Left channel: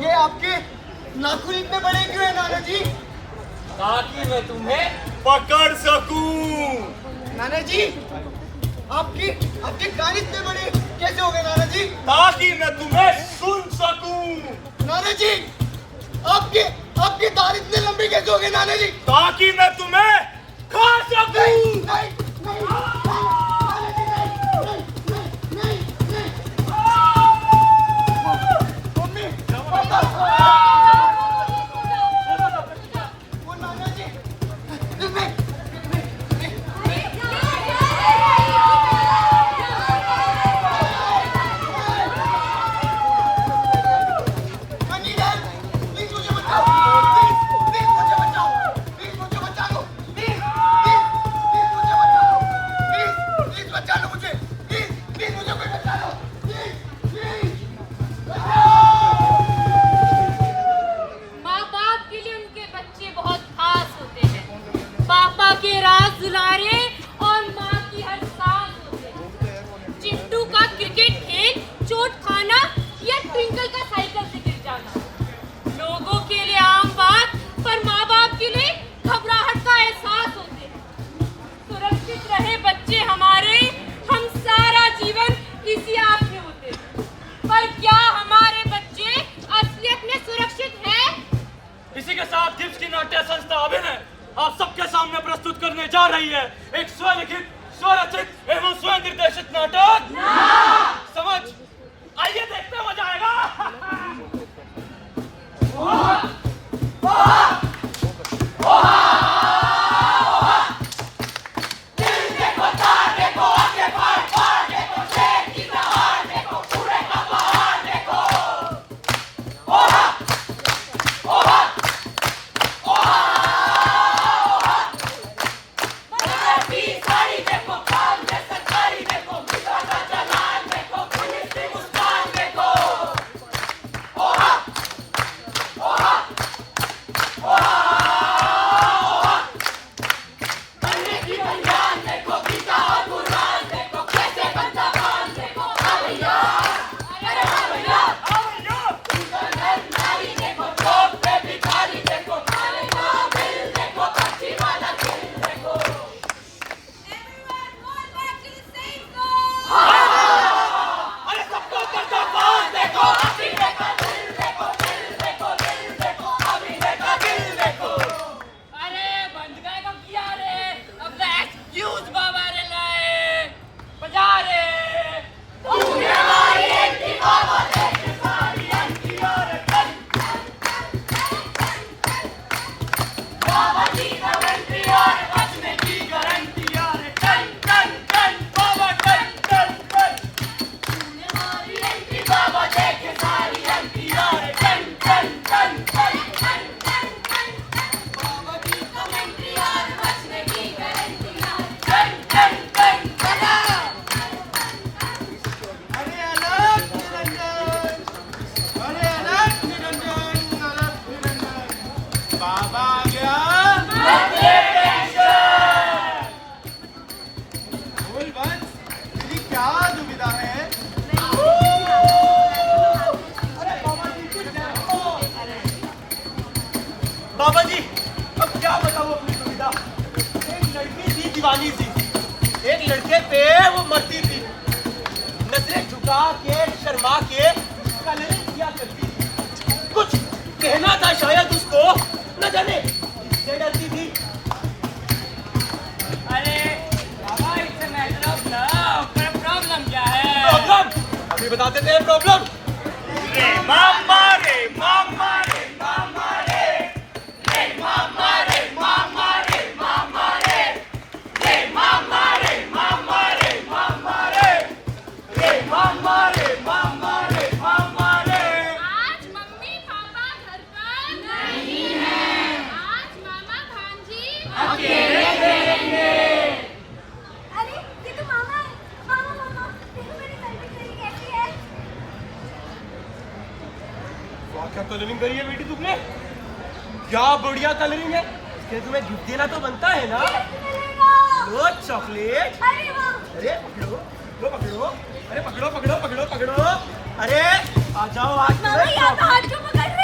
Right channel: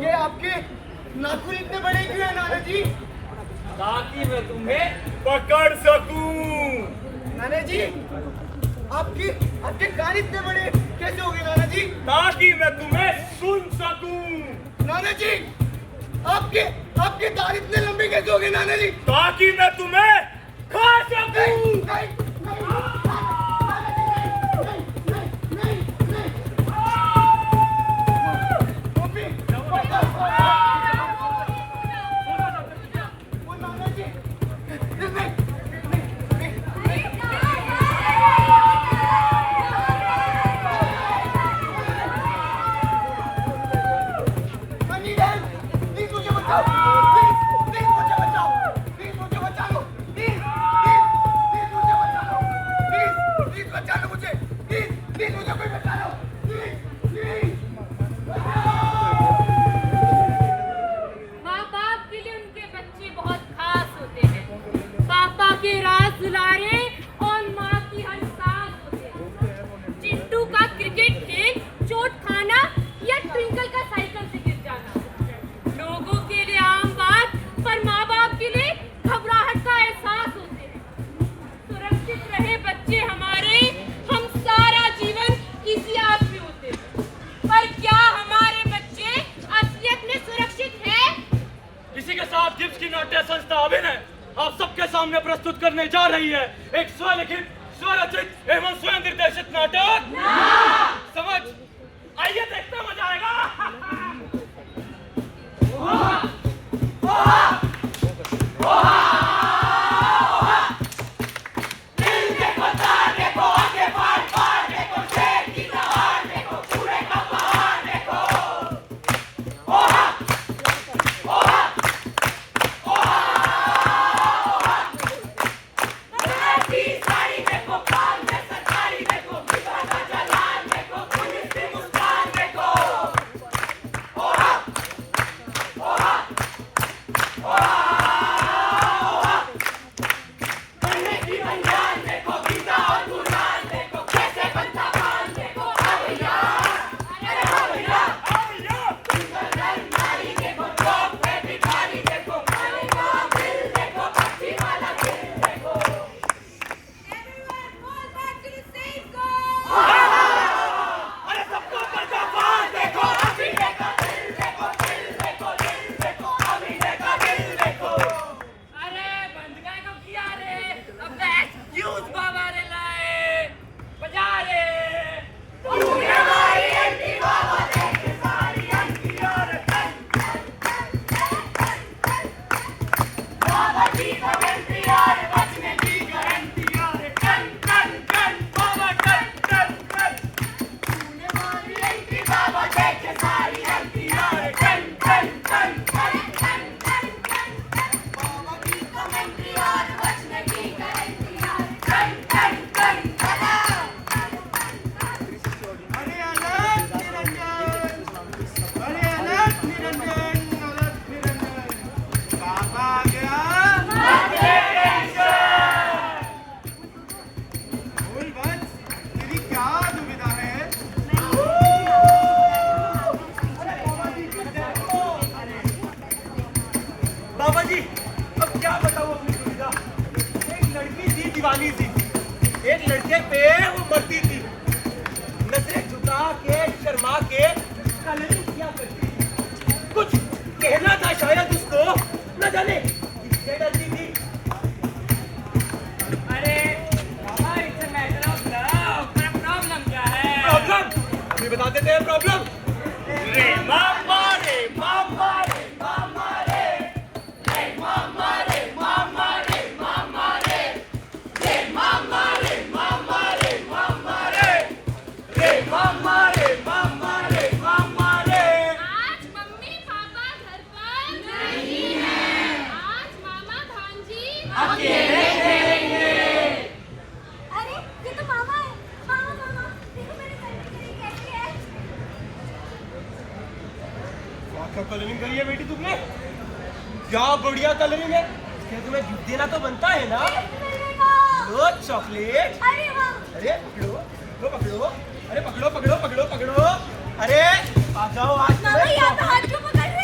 ये आपके नाखून इतने बड़े क्यों है नाना जी? ताकि मैं तुम्हें पकड़ सकूं। नाना जी, आपके कान इतने बड़े कैसे हो गए नाना जी? ताकि मैं तुम्हें सुन सकूं। नाना जी, आपके दांत इतने लंबे कैसे हो गए नाना जी? ताकि मैं तुम्हें खा सकूं। नहीं, नाना जी, नहीं। मम्मी, वो नाना जी, नहीं। प्लीज मुझे बचाओ, प्लीज मुझे बचाओ, प्लीज मुझे बचा लो, प्लीज मुझे बचा लो, प्लीज बचा लो मुझे, प्लीज मुझे कोई बचा लो, प्लीज माँ बाप के लिए उनके बच्चे बहुत खास होते हैं। पापा के राज दुलारे और माँ की हर सांस होते हैं। चिंटू का क्रिकेट खेल, चोट खाना या ट्विंकल का साइकिल से गिर जाना लोगों के लिए आम बात, पर माँ बाप के लिए घबराहट का एहसास होते हैं। सुरक्षित रहे बच्चे हमारे, हम सारा जीवन इसी आस में होते हैं। पर क्या हमारे बच्चे असलियत में सुरक्षित हैं? इसी के साथ गिब्स की नाट्य संस्था अभिनय आप सबके सामने प्रस्तुत करने जा रही है एक स्वलिखित, स्वरचित एवं स्वयं निर्देशित नाटक समझ। आइए देखते हैं, मजा आएगा। बाबा जी, अब क्या बताऊं अपनी सुविधा। एक लड़की थी दीवानी सी, एक लड़के पे वो मरती थी। नजरें झुका के शर्मा के कलरिंग किया करती थी। कुछ कहना था शायद उसको, न जाने किससे डरती थी। अरे बाबा, it's a matter of love. पर प्रॉब्लम क्या है? प्रॉब्लम अभी बता देते हैं। प्रॉब्लम रे मामा रे मामा रे मामा रे मामा रे मामा रे मामा रे मामा रे मामा रे मामा रे मामा रे मामा रे मामा रे। आज मम्मी पापा घर पर नहीं है। आज मामा भांजी अकेले खेलेंगे। अरे ये तो मामा है। मामा देखो मेरी कलरिंग कैसी है। क्या कलरिंग करी है बेटी तुमने? क्या बढ़िया कलरिंग है। इसके तुम्हें गिफ्ट देना तो बनता है ना। लो चॉकलेट। अरे वाह। अरे पकड़ो। अरे पकड़ो। अरे आ जाओ आज मामा, यहाँ तो हाथ क्यों पकड़ रहे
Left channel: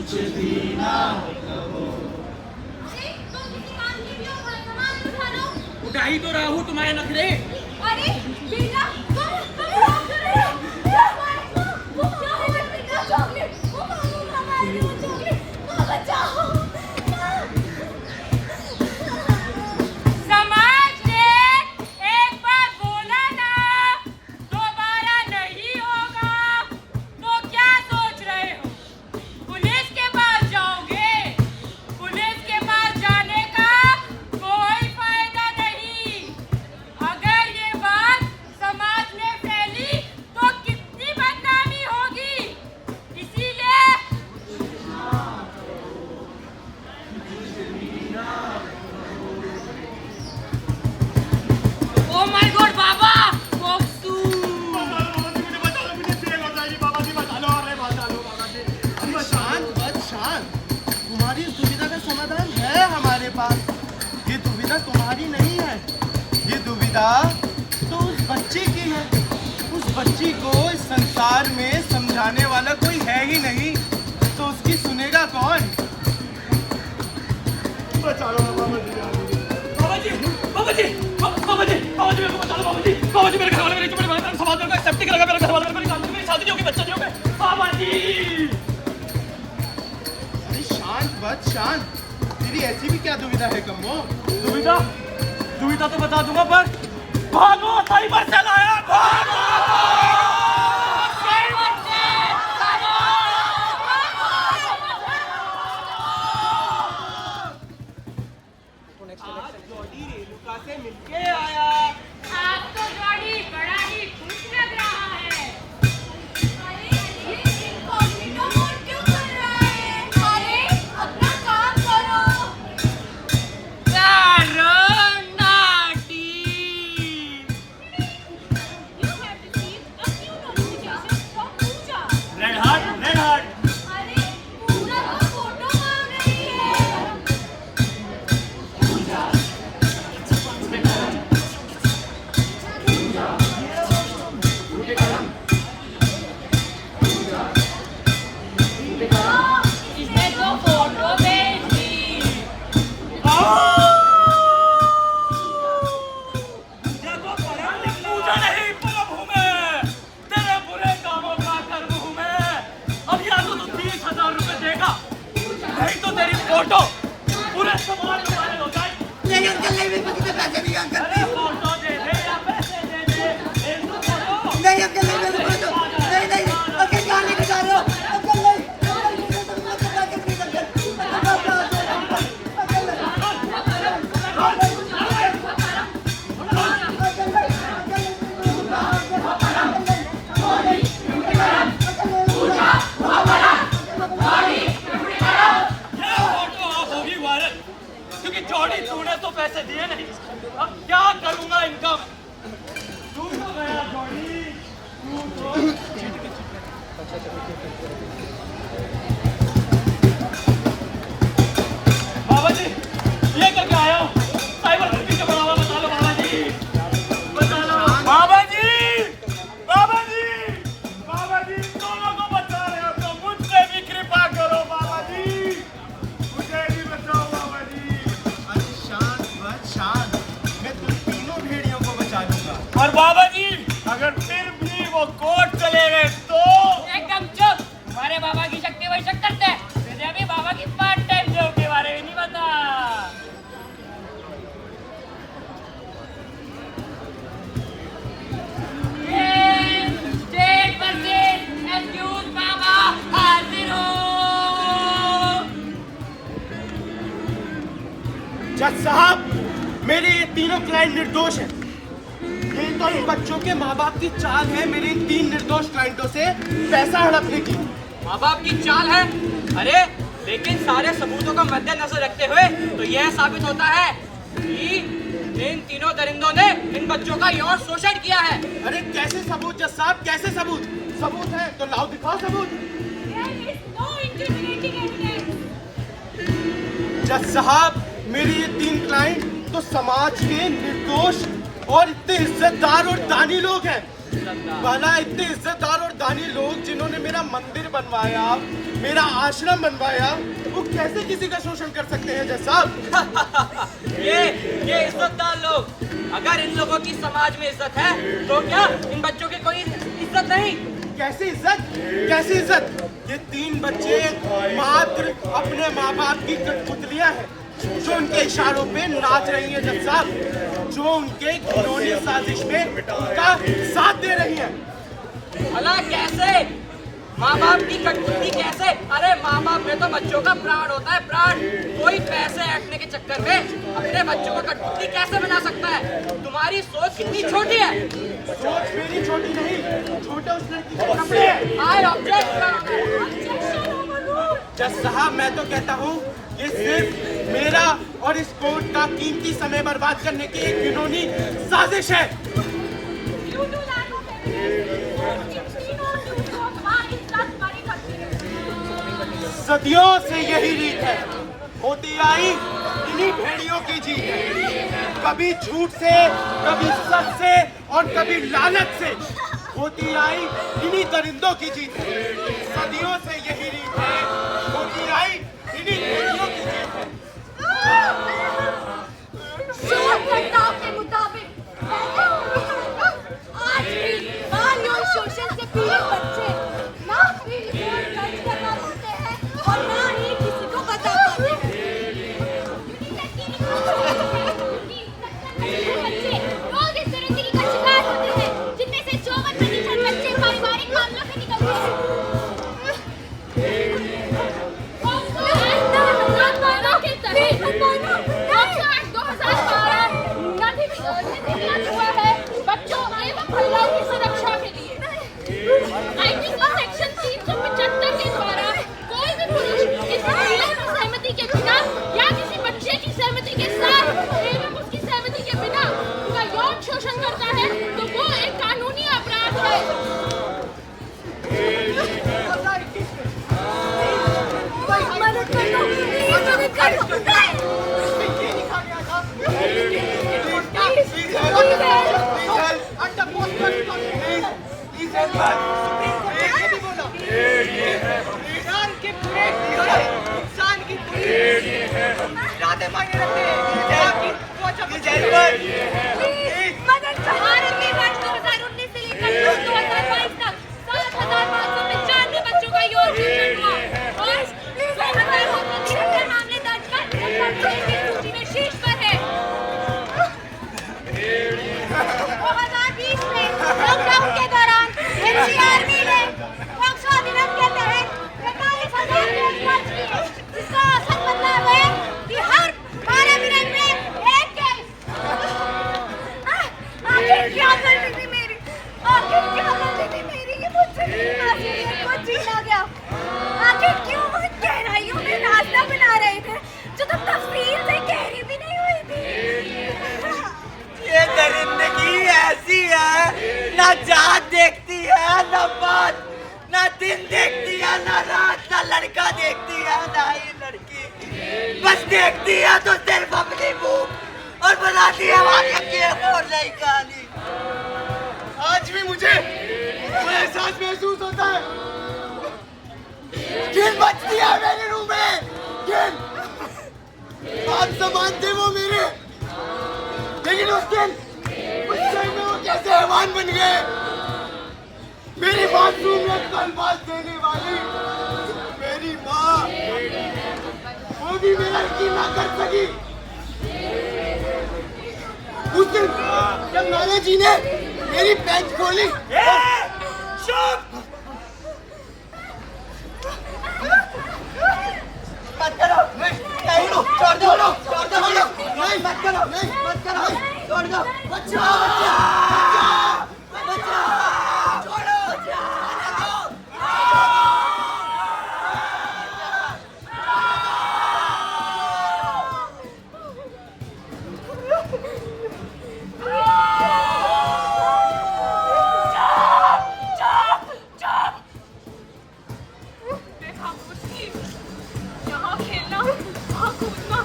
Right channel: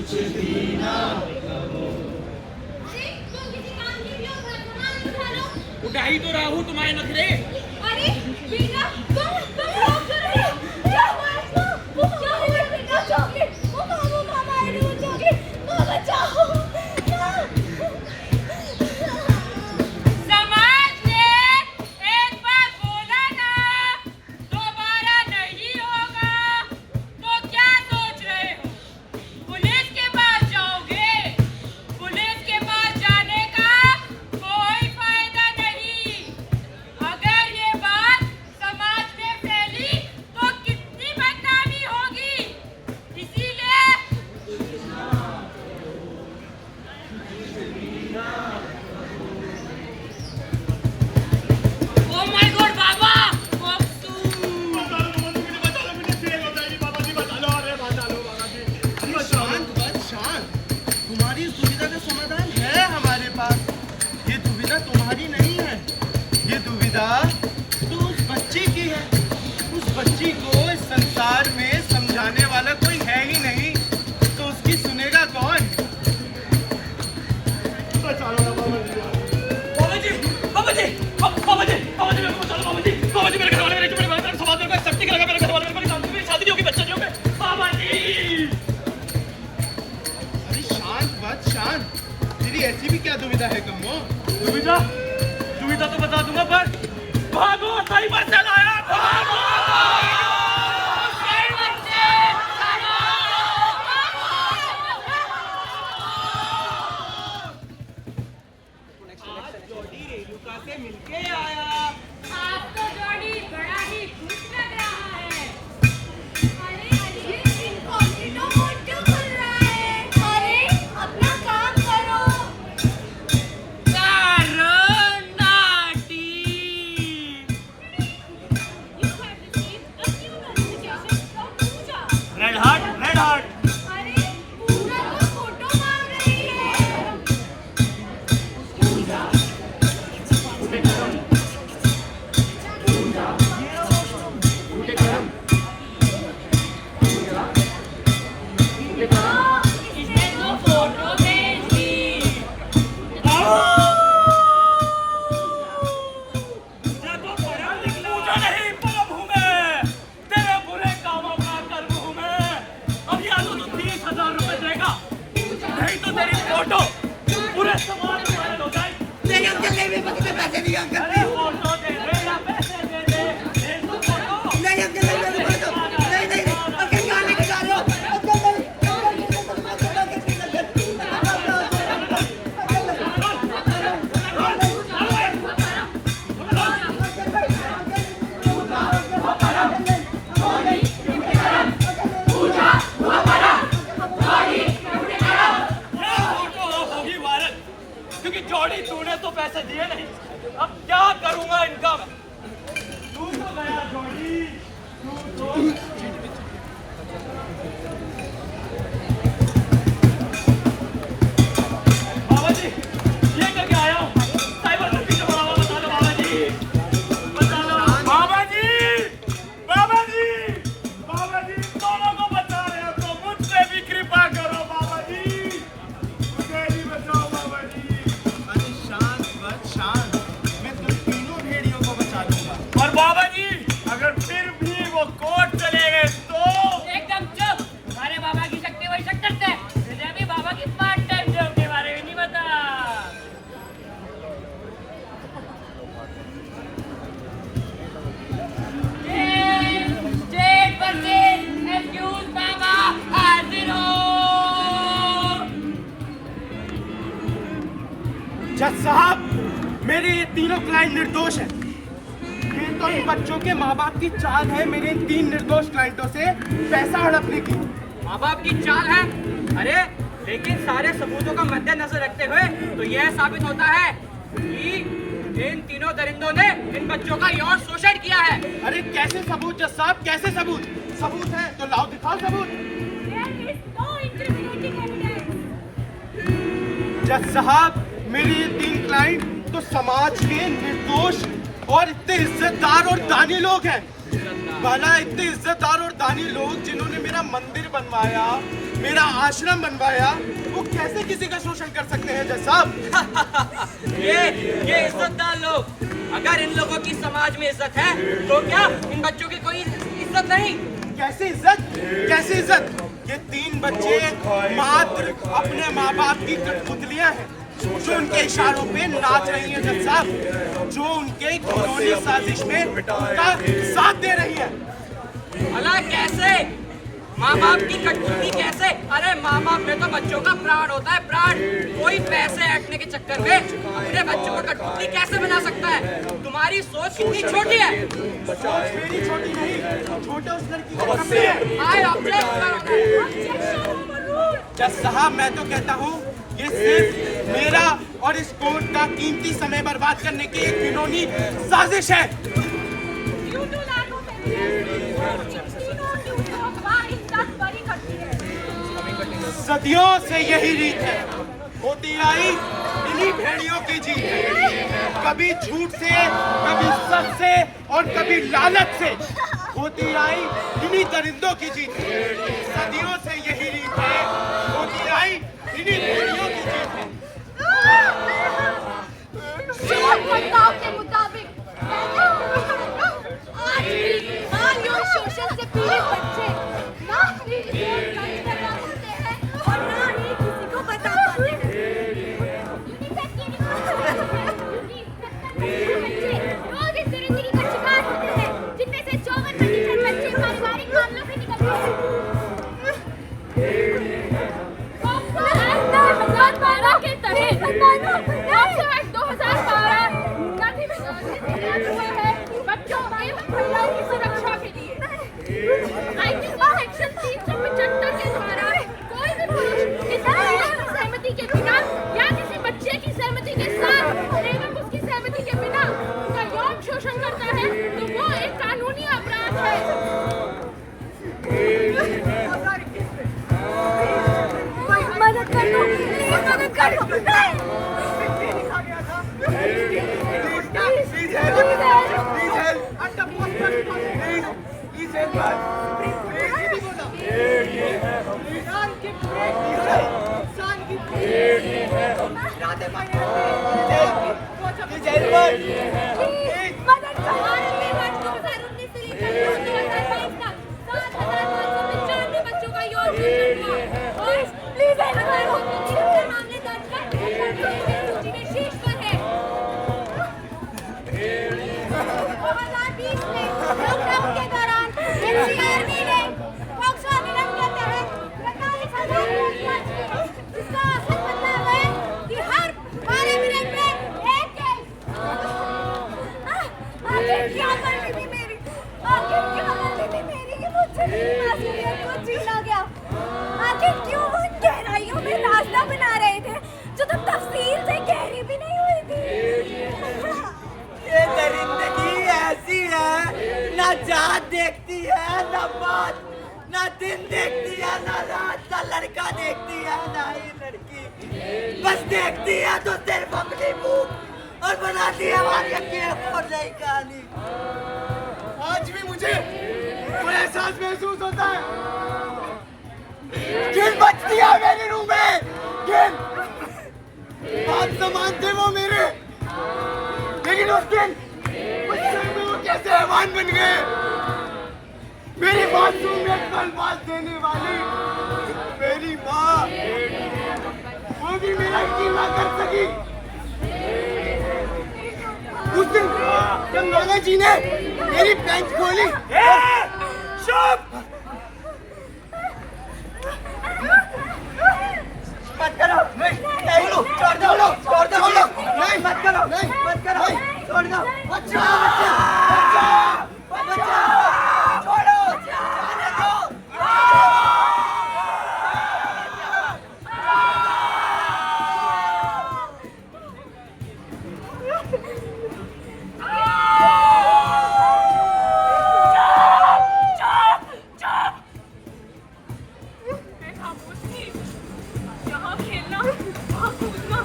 अरे तुम किसी काम की भी और वर्तमान उठा लो। उठा ही तो रहा हूँ तुम्हारे नखरे। अरे बेटा तुम क्या कर रहे हो? क्या वो क्या है बेटा? चॉकलेट वो मामा आए थे, वो चॉकलेट बचाओ। समाज ने एक बार बोला ना, दोबारा नहीं होगा। तो क्या सोच रहे हो? पुलिस के पास जाओगे? पुलिस के पास जाने का कोई फायदा नहीं। अगर ये बात समाज में फैली तो कितनी बदनामी होगी। इसीलिए ओ माय गॉड बाबा, बॉक्सू। शांत। तुम्हारी इस दुविधा का समाधान है हमारे पास। ये दुविधा तुम्हारी नहीं है, ये दुविधा तो उस बच्ची की है। उस बच्ची को इस संसार में समझाने वाला कोई है ही नहीं, तो उसकी सुनेगा कौन? बचा लो ना बाबा जी। बाबा जी, बाबा जी, बाबा जी, बाबा जी, मेरे को बचा लो बाबा जी। बाबा जी, मेरे घर वाले मेरे समाज में सेफ्टी लगा, मेरे घर वाले मेरी शादी नहीं होगी, बच्चा नहीं होगा। बाबा जी, अरे शांत बच शांत। तेरी ऐसी भी क्या दुविधा है कमो? दुविधा दुविधा तो बता दूंगा, पर भागो, सही बच्चा लाया, भागो। आप तो जॉडी बड़ा ही खुश लग रहा है। अरे अरे इनकॉग्निटो मोड क्यों खुल रहा है? अरे अपना काम करो। You have received a new notification from Pooja. Red heart, red heart. अरे पूरा तो फोटो मांग रही है। इसने तो फोटो भेज दी। पूजा नहीं, बलब हूँ मैं, तेरे बुरे कामों का कर्म हूँ मैं। अब या तो 30,000 रुपए देगा, नहीं तो तेरी फोटो पूरे समाज में वायरल हो जाए। नहीं अंकल नहीं, मेरे पास इतने पैसे नहीं अंकल। अरे फोटो दे दे या पैसे दे दे, एक तो फोटो। नहीं अंकल नहीं, मेरे पास नहीं नहीं नहीं अंकल, कहाँ लेके जा रहे हो? अंकल नहीं, ये फोटो अब होगी वायरल, क्योंकि जॉडी तूने तो पैसे दिए नहीं। अब क्या करूंगा इनका मैं? तू तो गया जॉडी, तू तो। बाबा जी, ये करके आया हूँ। साइबर ठगी के बाबा, बता लो बाबा जी, बता लो बाबा जी, बाबा जी, बाबा जी, इन दोनों को बचा रहे हो तो मुझ पे भी कृपा करो बाबा जी, मुझे भी बचाओ बाबा जी। अरे शांत बच शांत। मैं तुम तीनों भेड़ियों को बचा लूंगा। और बाबा जी, अगर फिर भी वो कोर्ट चले गए तो? एकदम चुप। तुम्हारे बाबा की शक्ति वही शक करते हैं। तुझे भी बाबा की पार्ट टाइम जॉब के बारे में नहीं पता। स्टेट वर्सेस एक्यूज बाबा हाजिर हो। जज साहब, मेरे ये तीनों क्लाइंट निर्दोष हैं। ये तो इन बच्चों के माँ बाप की चाल है मेरे इन 3 निर्दोष क्लाइंटों से पैसा हड़पने की। माँ बाप की चाल है? अरे लेकिन सारे सबूतों को मद्देनजर रखते हुए तो यह साबित होता है कि इन तीनों दरिंदों ने इन बच्चों का यौन शोषण किया है। अरे कैसे सबूत जज साहब, कैसे सबूत? सबूत है तो लाओ, दिखाओ सबूत। There is no incriminating evidence. जज साहब, मेरे ये 3 क्लाइंट तो समाज के निर्दोष और इतने इज्जतदार और दानी लोग हैं। भला इतने इज्जतदार और दानी लोग जिन्होंने मेरा मंदिर बनवाया, मेरा आश्रम बनवाया, वो कैसे किसी का शोषण कर सकते हैं जज साहब? ये इज्जतदार लोग, अगर इन लोगों की समाज में इज्जत है तो क्या इन बच्चों की कोई इज्जत नहीं? कैसी इज्जत? कैसी इज्जत? ये 3 बच्चे मात्र अपने माँ बाप की कठपुतलियां हैं जो उनके इशारों पे नाच रही हैं जज साहब, जो उनके घिनौनी साजिश में उनका साथ दे रही है। भला कैसे? माँ बाप की कठपुतली कैसे? अरे माँ बाप में तो बच्चों का प्राण होता है, प्राण। कोई पैसे ऐंठने के चक्कर में अपने बच्चों को कठपुतली कैसे बना सकता है? तुम्हारी सोच कितनी छोटी है। सोच मेरी छोटी नहीं, छोटे उस लड़की के कपड़े हैं। I object. जज साहब, मैं तो कहता हूँ ये सिर्फ मेरा और इस कोर्ट का कीमती समय बर्बाद करने की एक घिनौनी साजिश है। सदियों से यही रीत है, होती आई इन्हीं भेड़ियों की जीत। कभी झूठ से, कभी सच से और कभी लालच से होती आई इन्हीं दरिंदों की जीत। सदियों से यही रीत है, होती आई इन्हीं भेड़ियों की जीत है। के मुताबिक आज भी मांग और शोषण से पीड़ित बच्चे ना ही रिपोर्ट दर्ज करना पाते हैं और ना ही किसी को बता पाते हैं। यूनिसेफ की रिपोर्ट में 70% बच्चे रोज इस बेरोजगारी का शिकार होते हैं, जिनमें से 54% बच्चे पारिवारिक मामलों से निकलते हैं। बच्चों एवं महिलाओं की सुरक्षा के लिए आईपीसी सेक्शन 375 के द्वारा कोई भी पुरुष किसी की सहमति के बिना या किसी बच्चे की सहमति के साथ एवं उसकी सहमति के बिना उनका यौन शोषण करता है तो वो एक कानूनी अपराध है। मदद कर दो, मदद कर दो। बच्चों का योग शीर्ष पर है। 2020 में लॉकडाउन के दौरान एनसीआरबी ने पॉक्सो अधिनियम के तहत 45,000 केस जिसका असर मतलब है कि हर 12 मिनट में एक केस। आखिर क्या गलती थी मेरी? आखिर क्या गलती थी मेरी कि मुझसे मासूमियत को छीना गया? आखिर क्यों वो गहराइयों में रास्ता बना रहे थे जो तो तफसील से गहरी भी नहीं हुई थी? ये दरिंदगी ऐसी है, ना जात देखती है ना बात, ना दिन देखती है ना रात, ना लड़का देखती है ना ही लड़की, बस देखती है तो सिर्फ अपनी मुंह और बनाती है हमारी अकेले और नई कहानी। आज भी मुझे वो एहसास महसूस होता है, घिन मचती है मेरे रूह में, घिन। बात समान थे वो मेरे, लेकिन उस दिन उस समय में वो कैसे मेहमान बन गए। मेरी मासूमियत को अल्फाज देने वाली मेरी माँ, वो भी मेरा यकीन ना कर सकी। उस दिन जब नाना जी ने मेरी पैंट खोली, मत करो, नहीं, छोड़ दो, नहीं मत करो, मत करो, छोड़ दो, बच्चा, छोड़ो, यहाँ खेलना, वहाँ कूदना,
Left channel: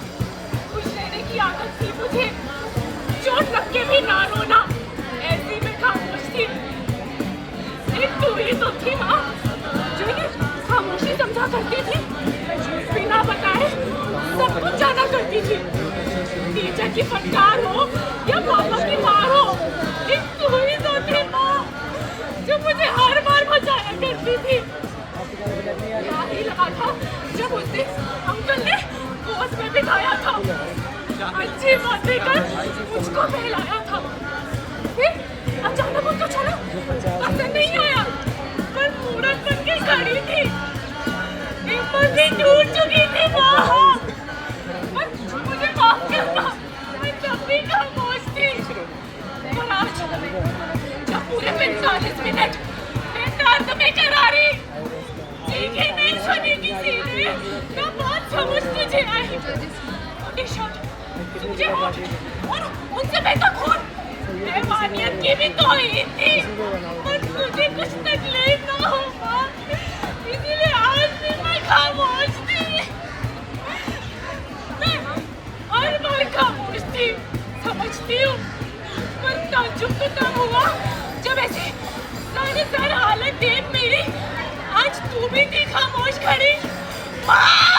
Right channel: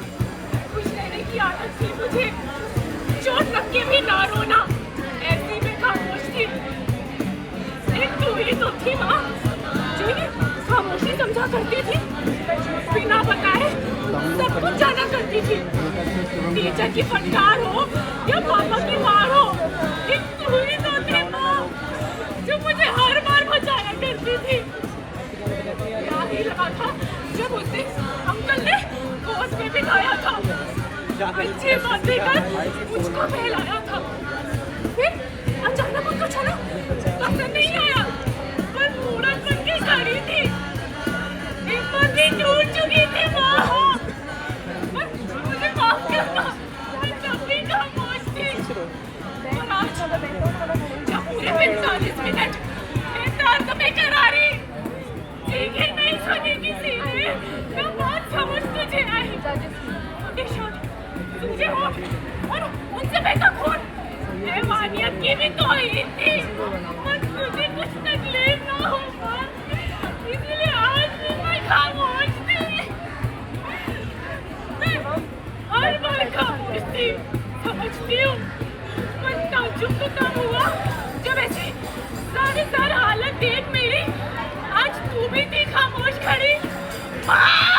कुछ लेने की आदत थी मुझे। चोट लग के भी ना रोना, ऐसी में खामोश थी। एक तू ही तो थी माँ, जो ये खामोशी समझ पूजा करती थी, बिना बताए सब कुछ जाना करती थी। टीचर की फटकार हो या पापा की मार हो, एक तू ही तो थी माँ जो मुझे हर बार बचाया करती थी। याद ही लगा था जब उस दिन अंकल ने गोद में बिठाया था, अच्छी बातें कर मुझको बहलाया था। फिर अचानक उनको चलो पसंद नहीं आया, पर मूरत बन के खड़ी थी। हिम्मत भी टूट चुकी थी माँ, मुझे माफ करना, मैं तब भी खामोश थी। और आज जब पूरे 45 मिनट मैं दर्द में करारी चीखें नहीं सुनी किसी ने, ना बात समझ तुझे आई। तुझे और उनसे बहता खून हैवानियत की भी तौहीन थी, पर तुझे कुछ तकलीफ ना हो माँ, इसीलिए आज भी मैं खामोश थी। मैं हर बार खामोश थी, समझती हूँ, पर ताज्जुब तो तब हुआ जब ऐसी सारी हालत देख मेरी आज तू भी थी खामोश खड़ी माँ।